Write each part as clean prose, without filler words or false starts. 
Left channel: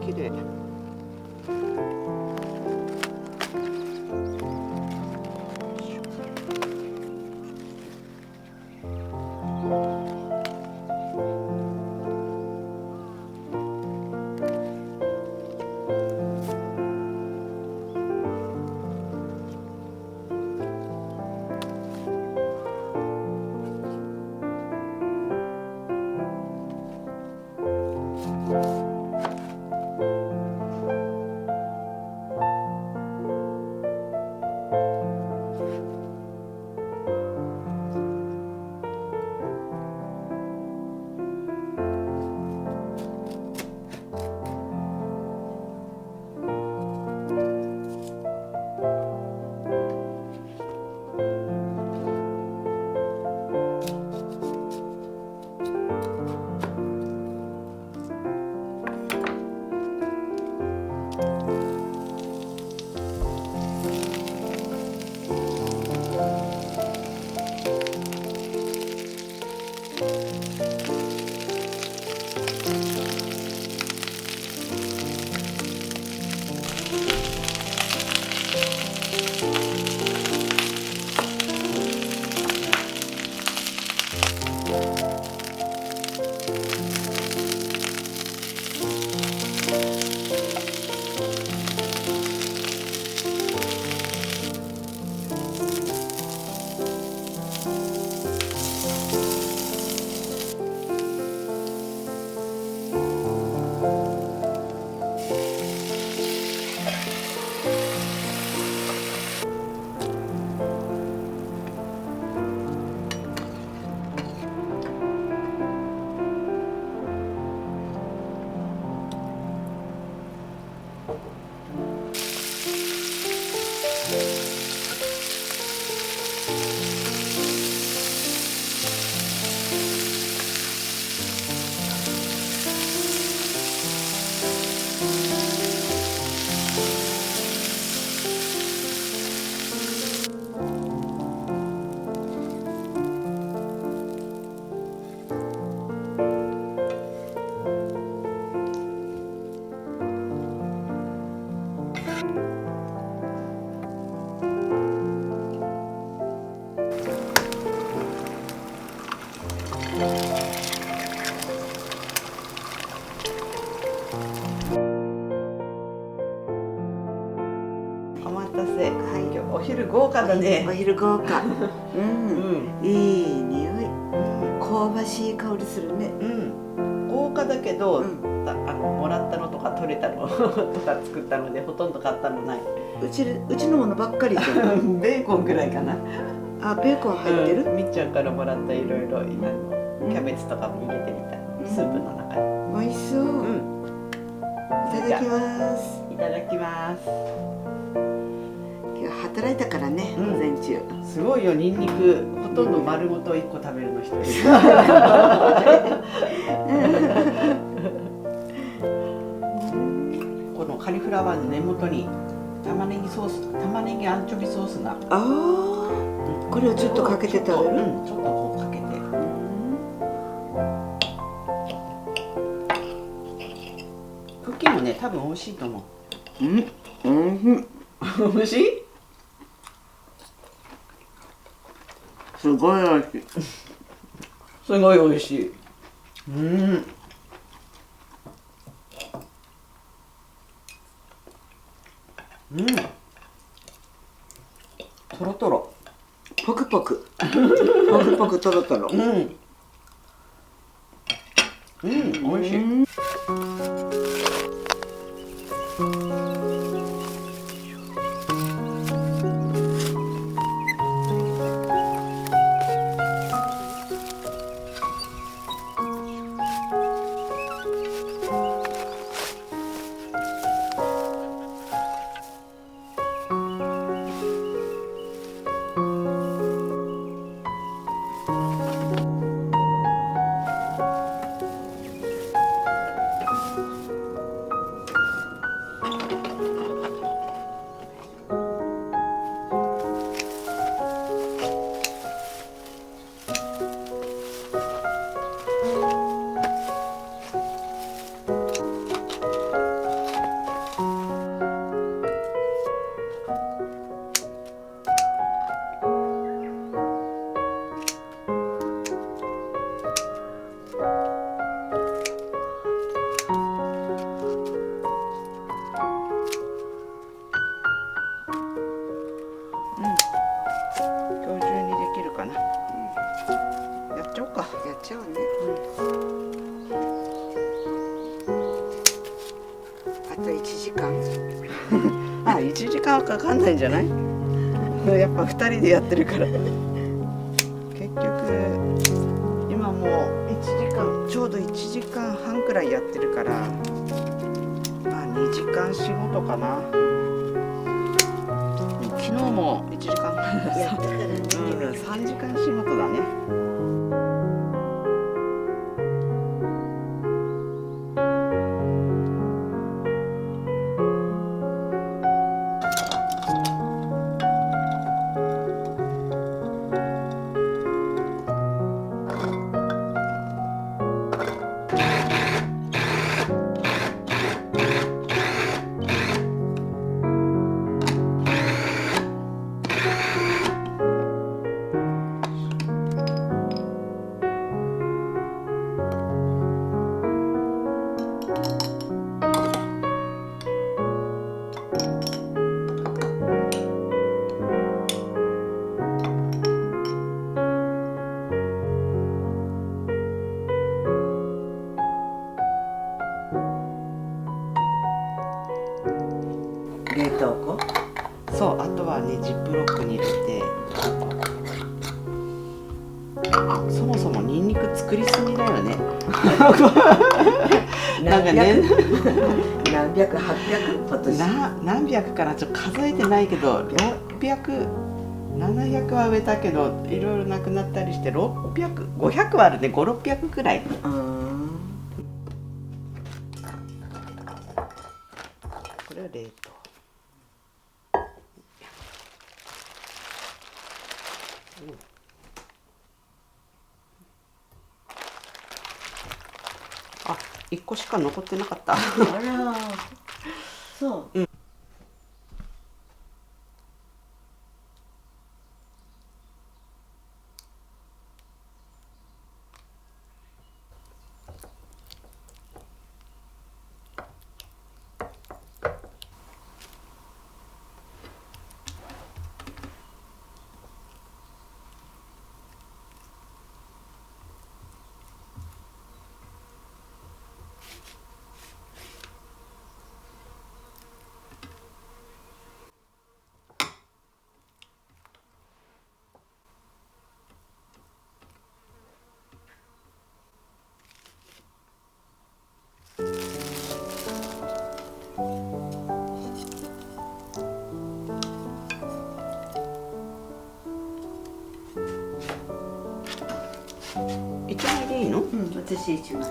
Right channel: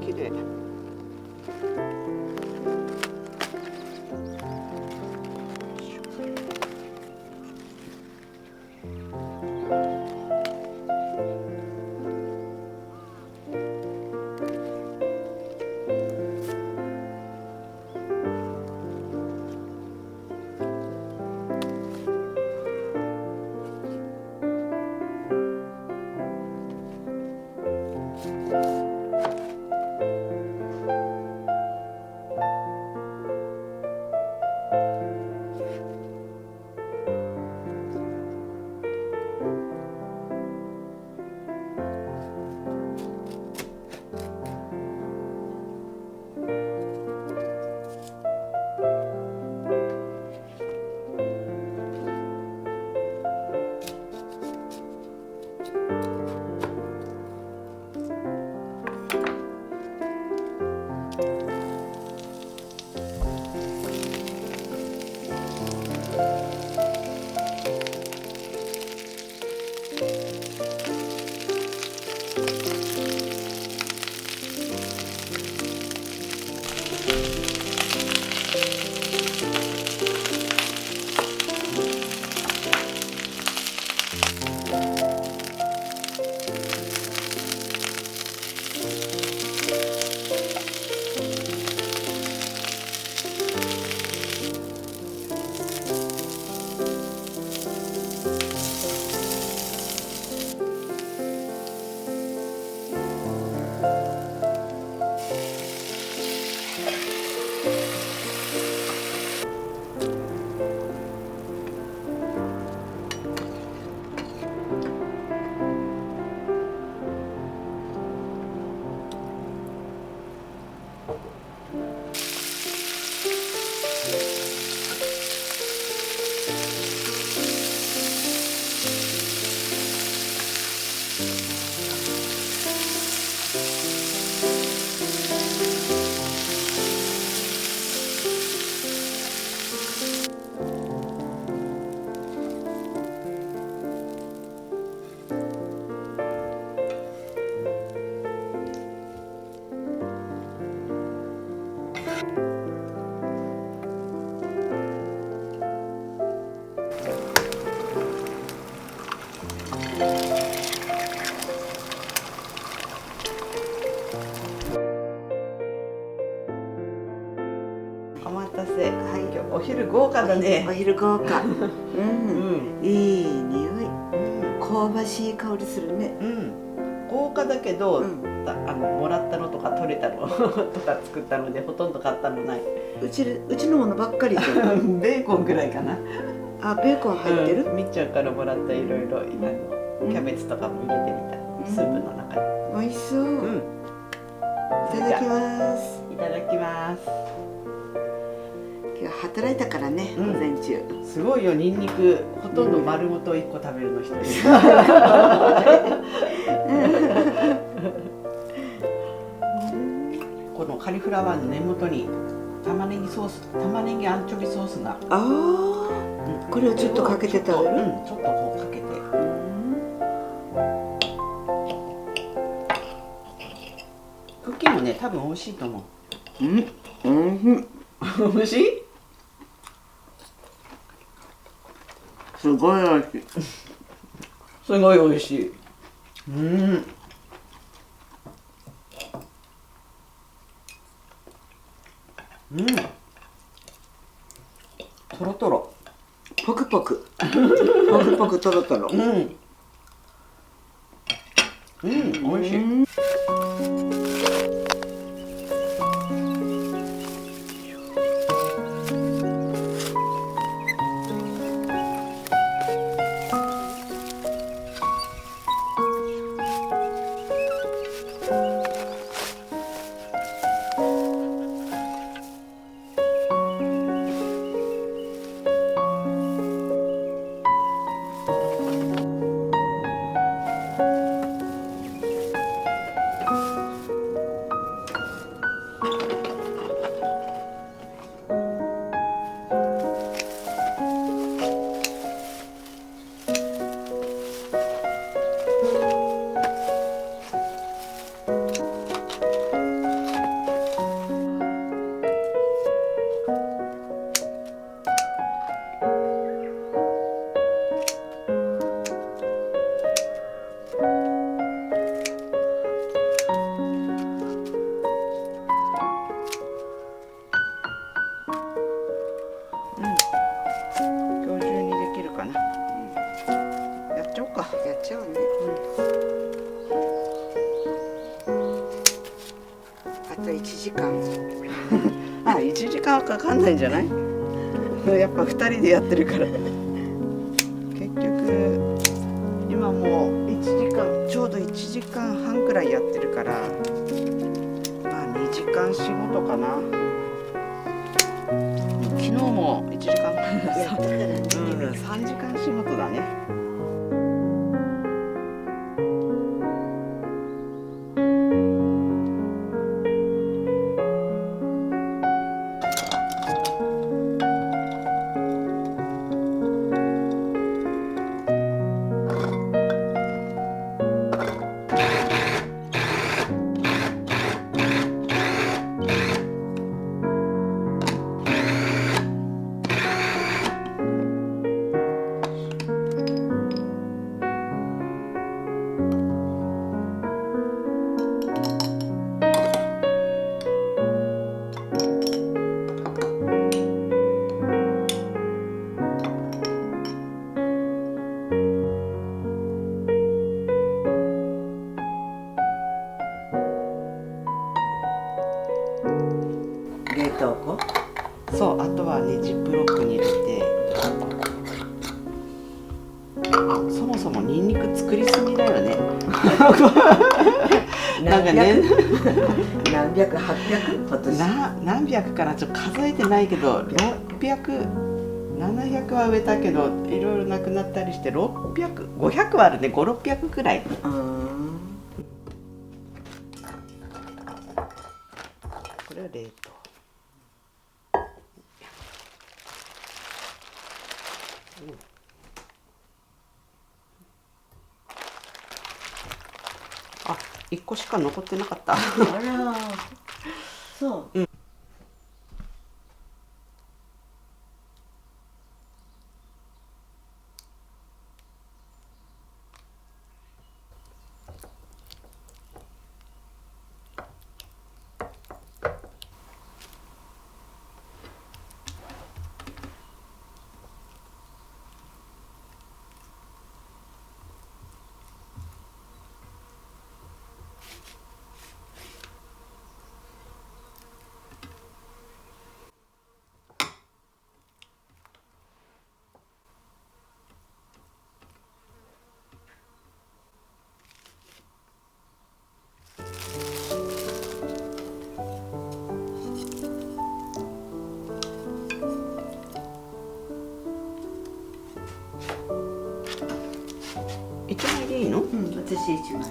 綺麗。お待たせ。はい、今日お昼豪華だね。お昼豪華。うん、いい匂い。香ばしい香りするね。豪華だけど、もらったのとか取れたのとか作ったのでほとんど買ったのない。うちのものばっかりじゃん。ベーコンぐらいかな。あ、ベーコン入ってる？みっちゃんからもらったいろいろキャベツとかも入れてみた。スープの中に。美味しそう。いただきます。いただきます。今日働いたからね、午前中。すごいよ、ニンニクほとんど丸ごと1個食べるの一人。このカリフラワーの根元に玉ねぎアンチョビソースが。これをちょっとかけて食べる？ちょっとこうかけて。クッキーもね、多分美味しいと思う。美味しい？すごい美味しい。すごい美味しい。とろとろ。ポクポク。ポクポクとろとろ。美味しい。今日中にできるかな。やっちゃおうか。やっちゃおうね。あと1時間。あ、1時間はかかんないんじゃない？やっぱ2人でやってるから。結局今もう1時間、ちょうど1時間半くらいやってるから、まあ2時間仕事かな。昨日も1時間やったからね。3時間仕事だね。冷凍庫。そう、あとはねジップロックに入れて。あ、そもそもニンニク作りすぎだよね。なんかね、何百800今年。何百かな、ちょっと数えてないけど600、700は植えたけどいろいろなくなったりして600、500はあるね。5、600くらい。これは冷凍。あ、1個しか残ってなかった。あら、そう。1枚でいいの？私1枚。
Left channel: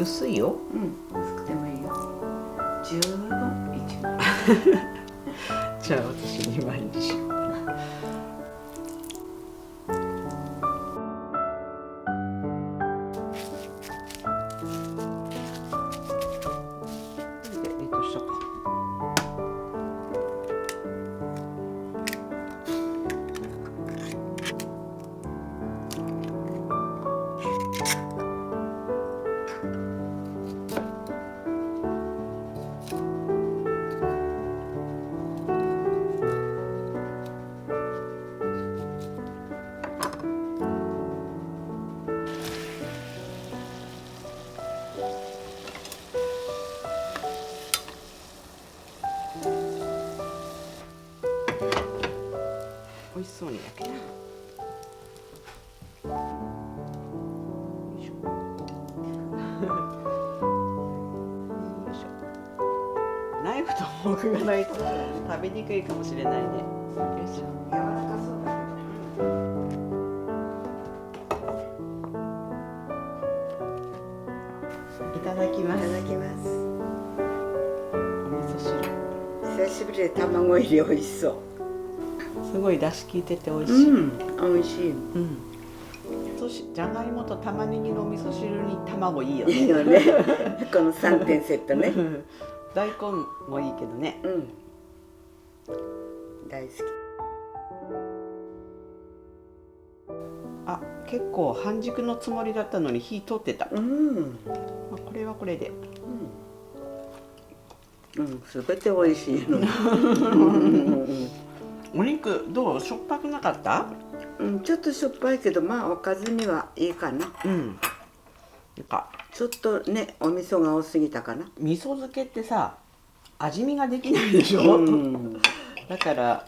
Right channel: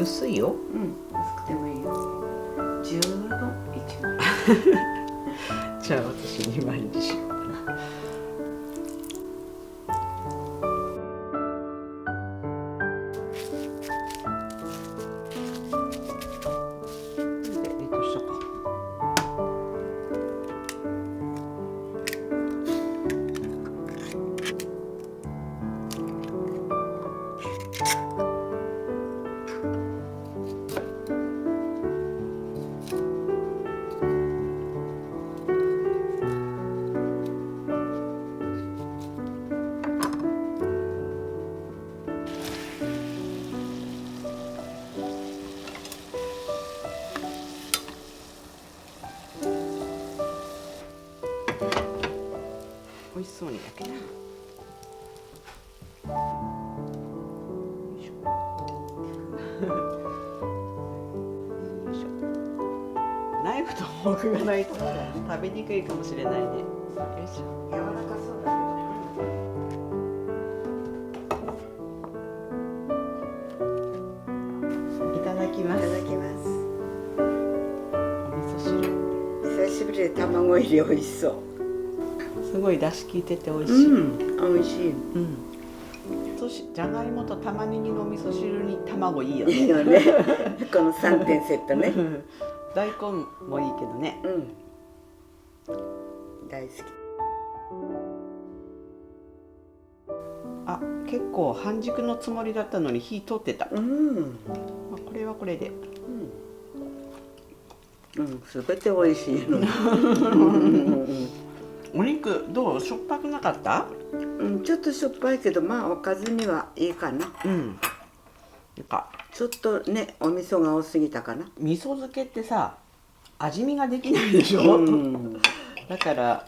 薄いよ。薄くてもいいよ。十分1枚。じゃあ私2枚にしようかな。で冷凍しとこう。そうにやけな。よいしょ。よいしょ。ナイフとフォークがないと食べにくいかもしれないね。よいしょ。柔らかそうだけど。いただきます。いただきます。お味噌汁。久しぶりで卵入り美味しそう。すごい出汁効いてて美味しい。うん、美味しい。うん。じゃがいもと玉ねぎの味噌汁に卵いいよね。いいよね。この3点セットね。大根もいいけどね。うん。大好き。あ、結構半熟のつもりだったのに火通ってた。うん。まあ、これはこれで。うん。すべて美味しいの。お肉どう？しょっぱくなかった？うん、ちょっとしょっぱいけど、まあおかずにはいいかな。うん。なんかちょっとね、お味噌が多すぎたかな。味噌漬けってさ、味見ができないでしょ。うん、だから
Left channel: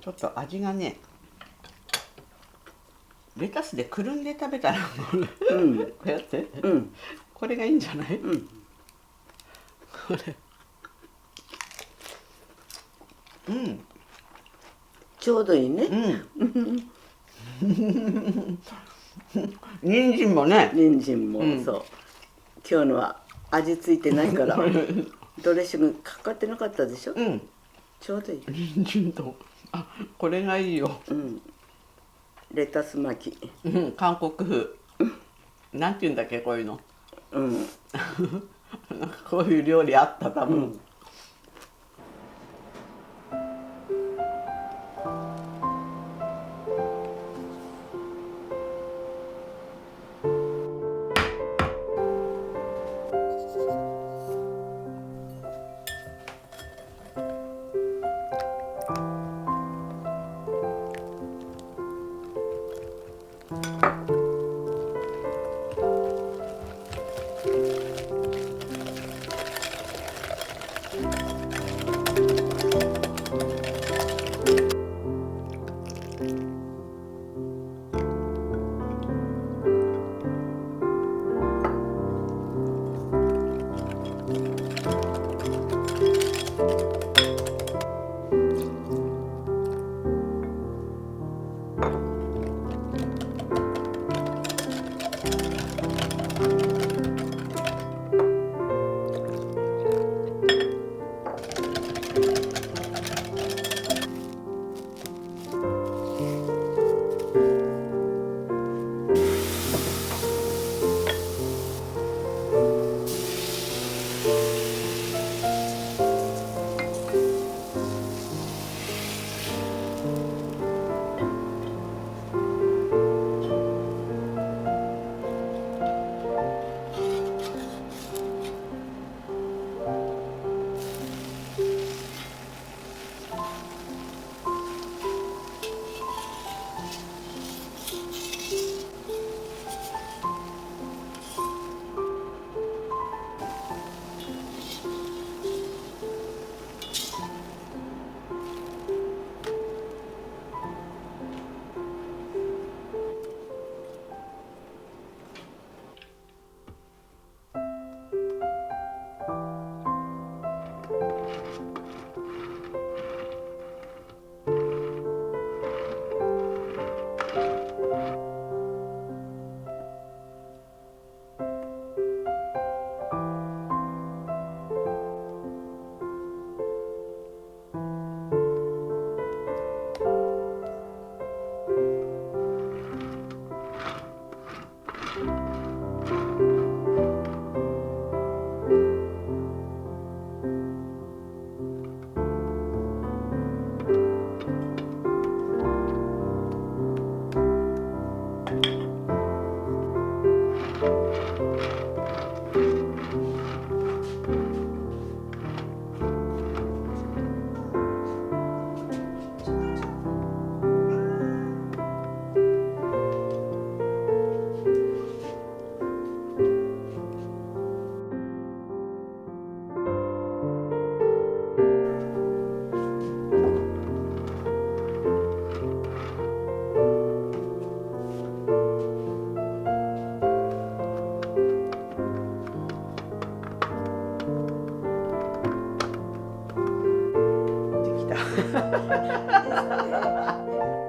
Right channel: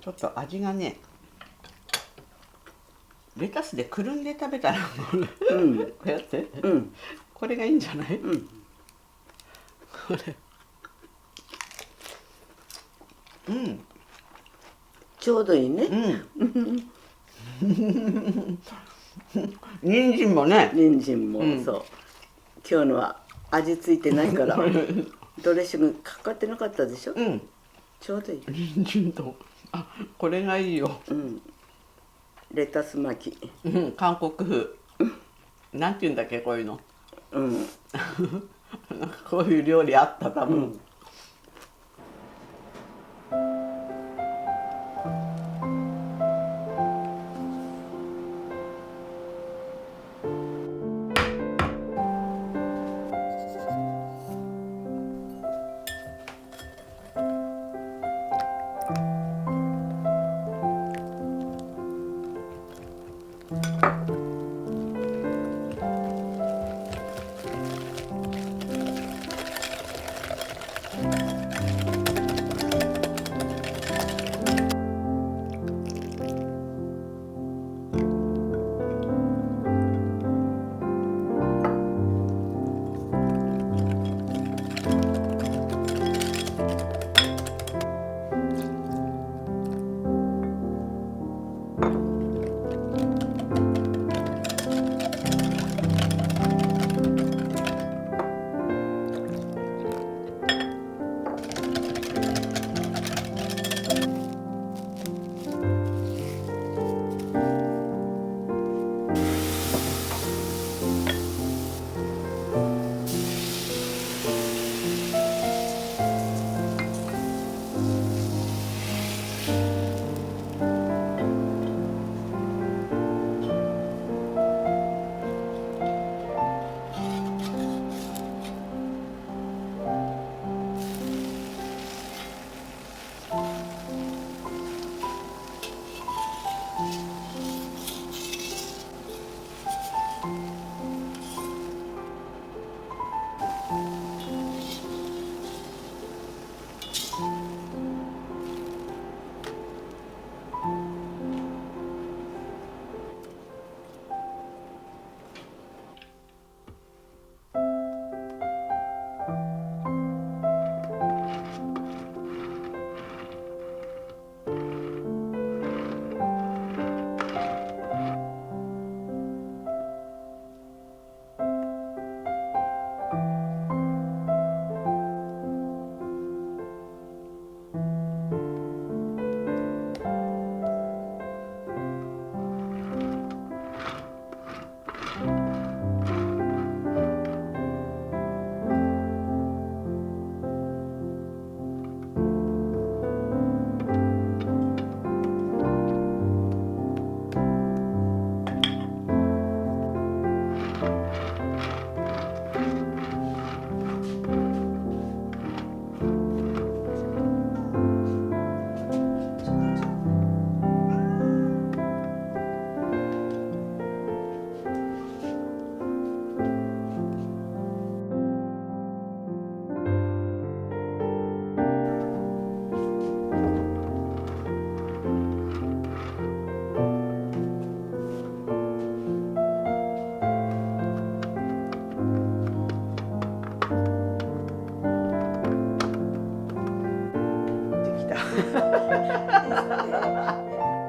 ちょっと味がね、レタスでくるんで食べたらうん、こうやって、うん、これがいいんじゃない？うん。これ。うん。ちょうどいいね。うん。人参もね。人参も、うんそう。今日のは味ついてないから、ドレッシングかかってなかったでしょ。うん。ちょうどいい。人参と、あ、これがいいよ。うん。レタス巻き。うん、韓国風。なんて言うんだっけ、こういうの。うん。なんかこういう料理あった多分。うん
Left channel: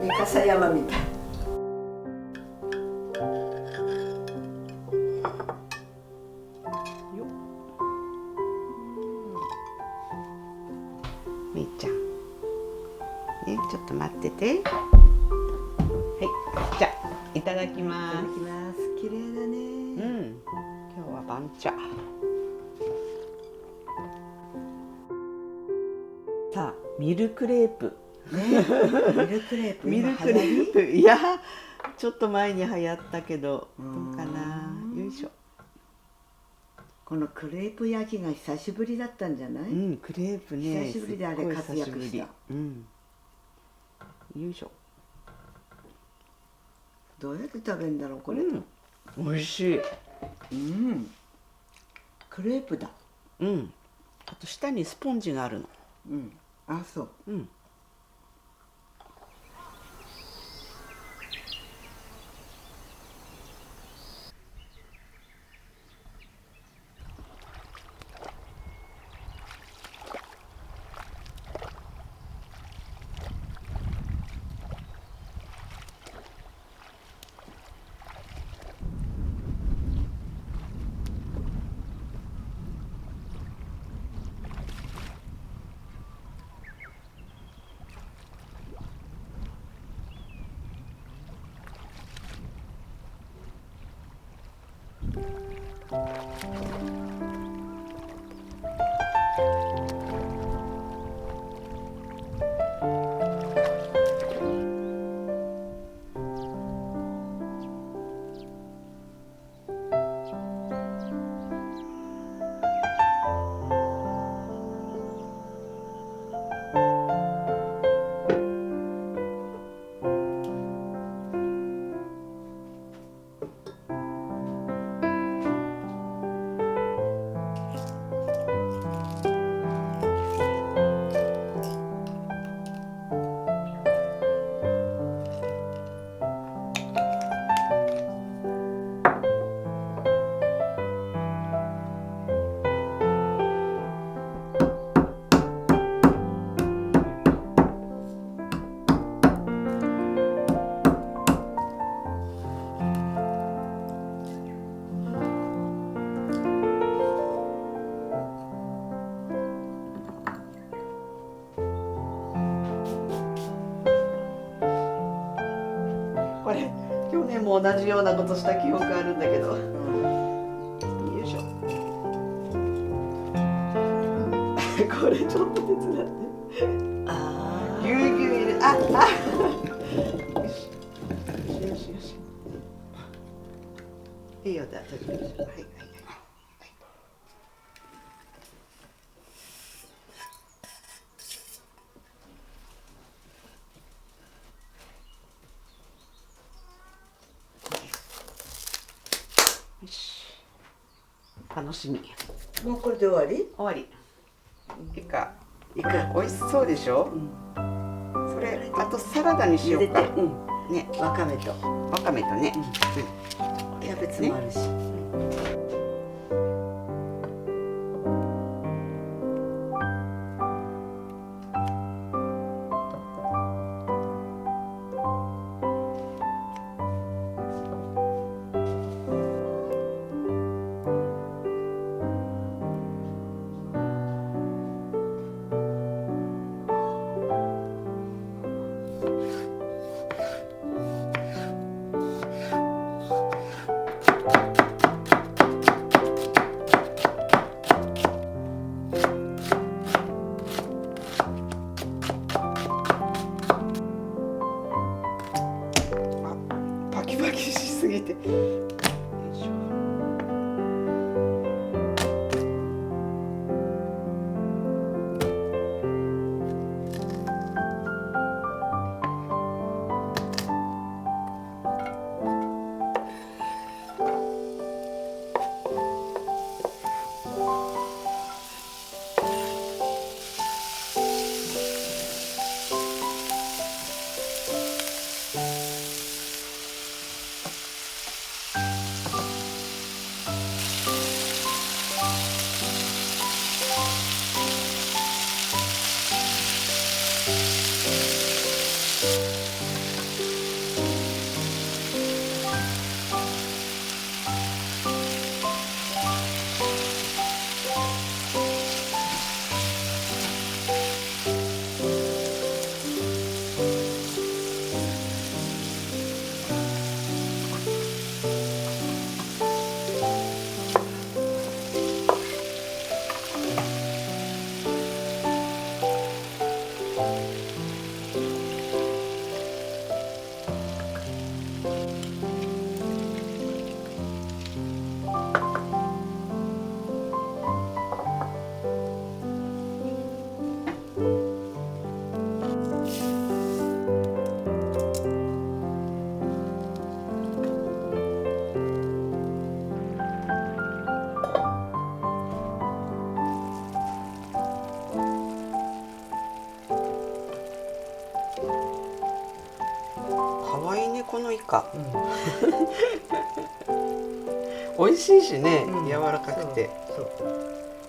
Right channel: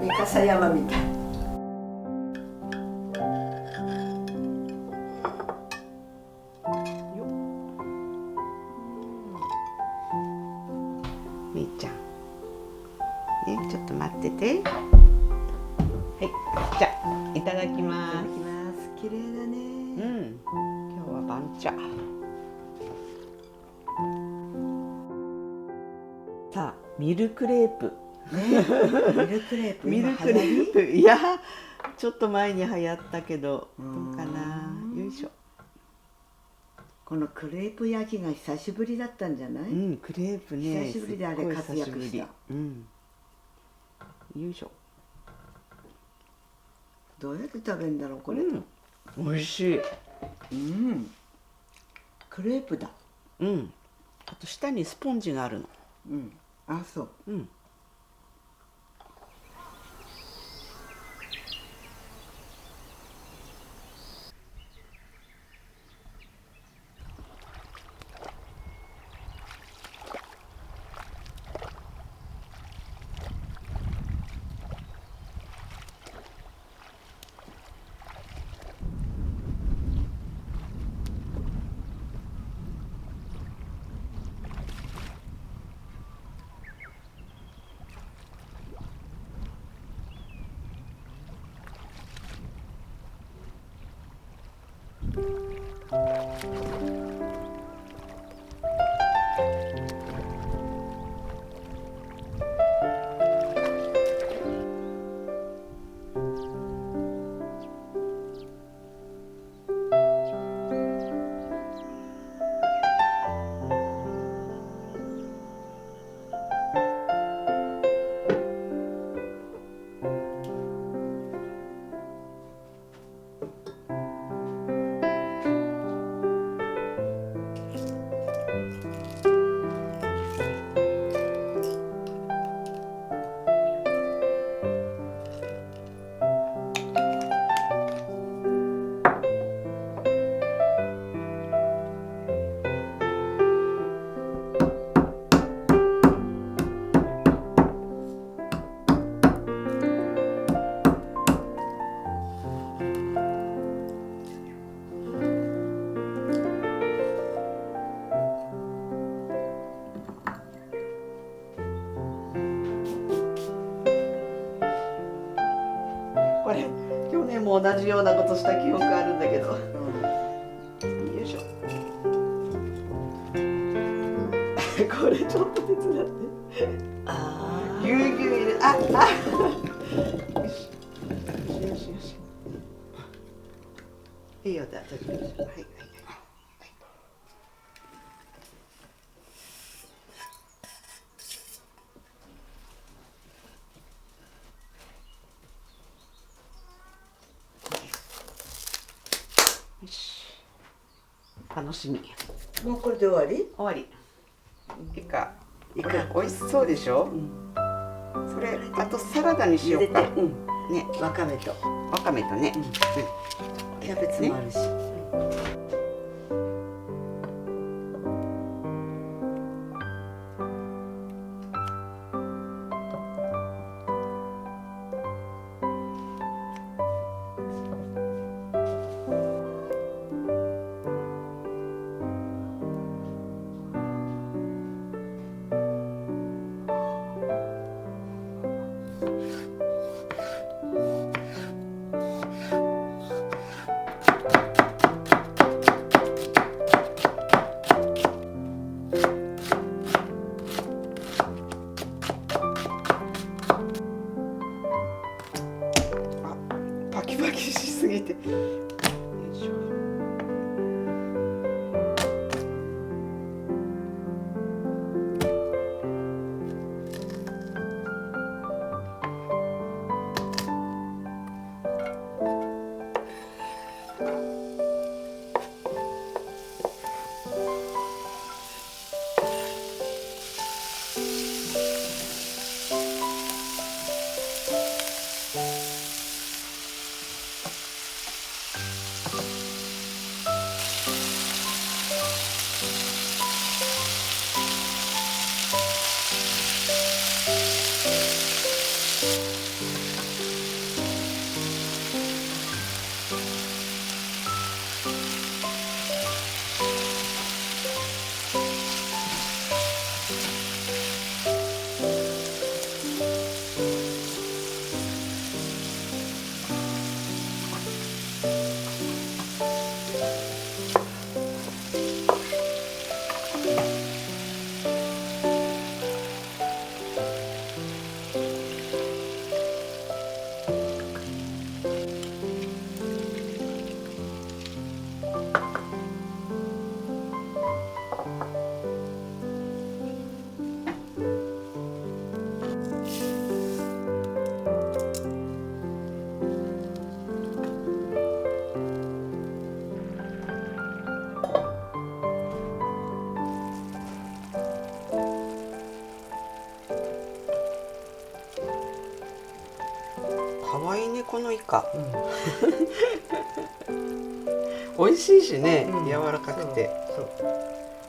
三笠山みたい。よっ。みーちゃん。ね、ちょっと待ってて。はい、じゃあいただきいたまだきます。綺麗だす。うね。ん、今日は番茶。さあ、ミルクレープ。ね、ミルクレープ。ミルクレ今流行ープ、いや、ちょっと前に流行ったけど、どうんうかな。よいしょ。このクレープ焼きが久しぶりだったんじゃない？うん、クレープね。久しぶりであれすっごい活躍久しぶりした。うん。よいしょ。どうやって食べるんだろうこれ。うん、美味しい。うん。クレープだ。うん。あと下にスポンジがあるの。うん。あ、そう。うん。これ去年も同じようなことした記憶あるんだけど。よいしょ。これちょっと手伝って。あぎゅうぎゅう入れ、あ、よし。よしよし。いいよ、じゃあ、はいはいはい。よし。楽しみ。もうこれで終わり？終わり。いいか。いか。美味しそうでしょ。それ、あとサラダにしようか。うん。ね、わかめと。わかめとね。キャベツもあるし。パキパキしすぎて。よいしょ。かわいいねこのイカ。うん美味しいしね、うん柔らかくて。そう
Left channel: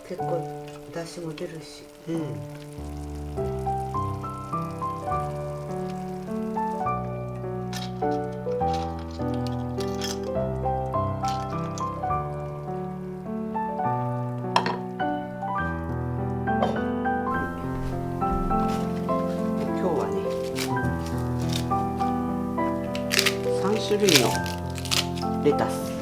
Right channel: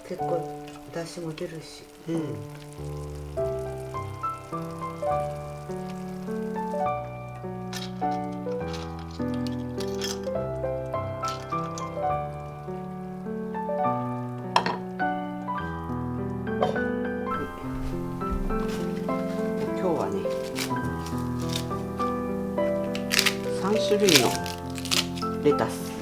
結構出汁も出るし。うん。今日はね、3種類のレタス。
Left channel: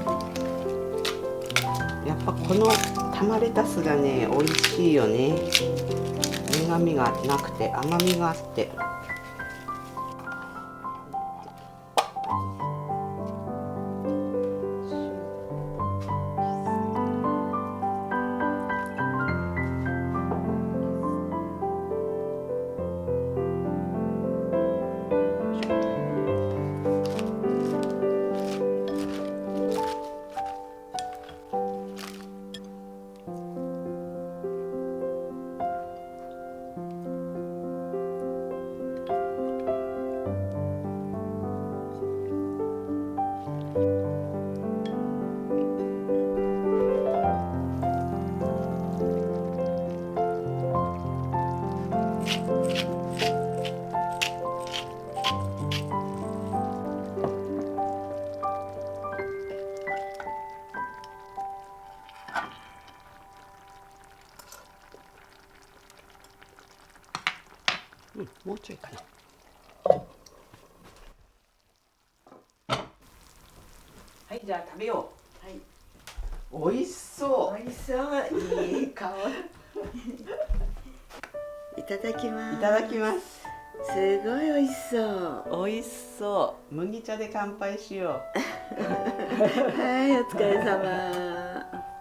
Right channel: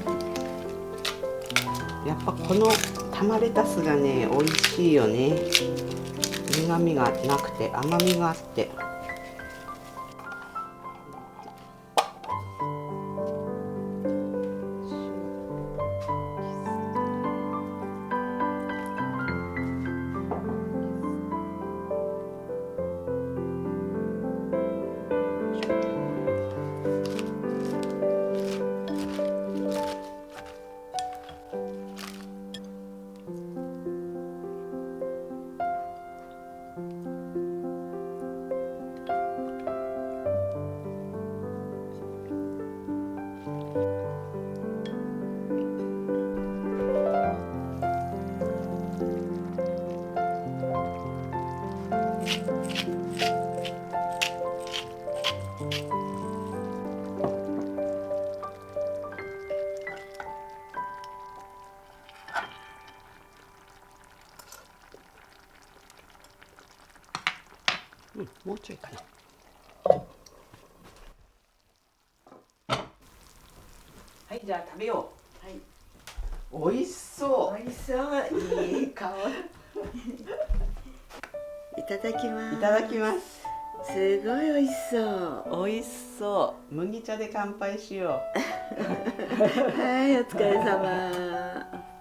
やっぱこの玉レタスがね、美味しいよね。苦味がなくて甘みがあって。もうちょいかな。はい、じゃあ食べよう。はい。美味しそう。美味しそういい香り。いただきます。いただきます。すごい美味しそう。美味しそう。麦茶で乾杯しよう。はい、お疲れ様。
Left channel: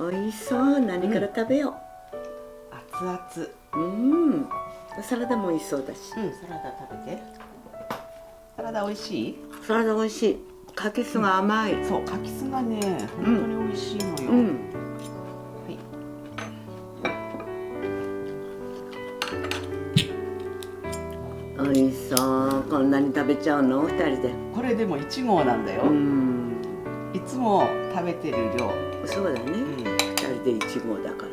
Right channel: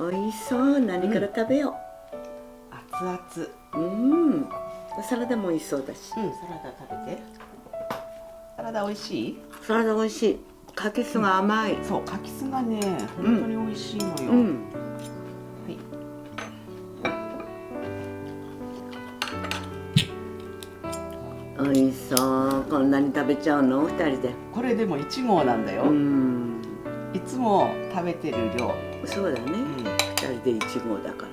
美味しそう。何から食べよ熱々。う。うん。サラダも美味しそうだし。サラダ食べて。サラダ美味しい？サラダ美味しい。カキスが甘い。そう、カキスがね、本当に美味しいのよ。はい。美味しそう。こんなに食べちゃうの？二人で。これでも1合なんだよ。いつも食べてる量。そうだね。二人で一合だか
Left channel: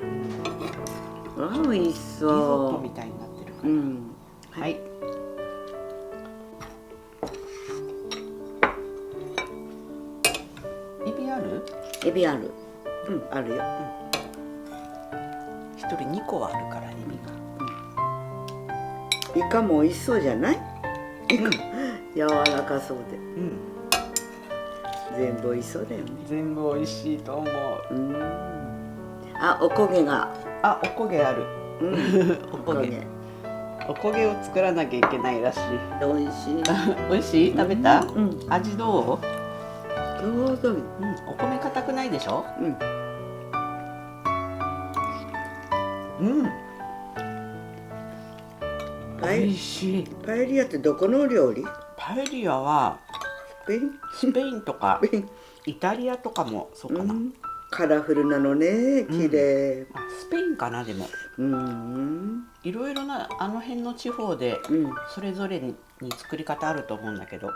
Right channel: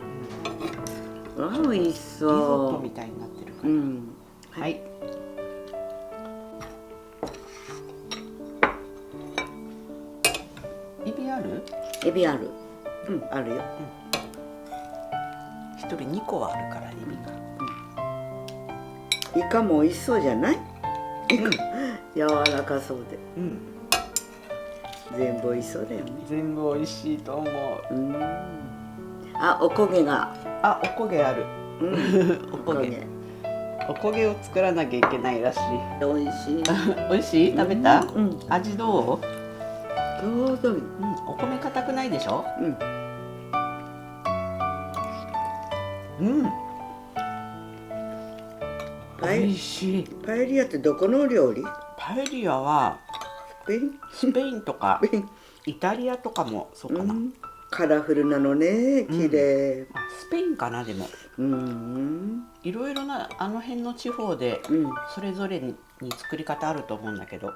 ら。あ、美味しそう。リゾットみたいになってるから。はい。エビある？エビある。あるよ。一人2個はあるからエビが。イカも美味しそうじゃない？柔らかそうで。全部美味しそうだよね。全部美味しいと思う。あ、おこげが。あ、おこげある。おこげ。おこげを作らなきゃいけないらしい。美味しい。美味しい？食べた？味どう？ちょうどいい。お米硬くないでしょ？美味しい。パエリアってどこの料理？パエリアはスペインとかイタリアとかもそうかな。カラフルなのね、綺麗。スペインかなでも。いろいろなあの辺の地方でそれぞれに作り方あると思うんだけど。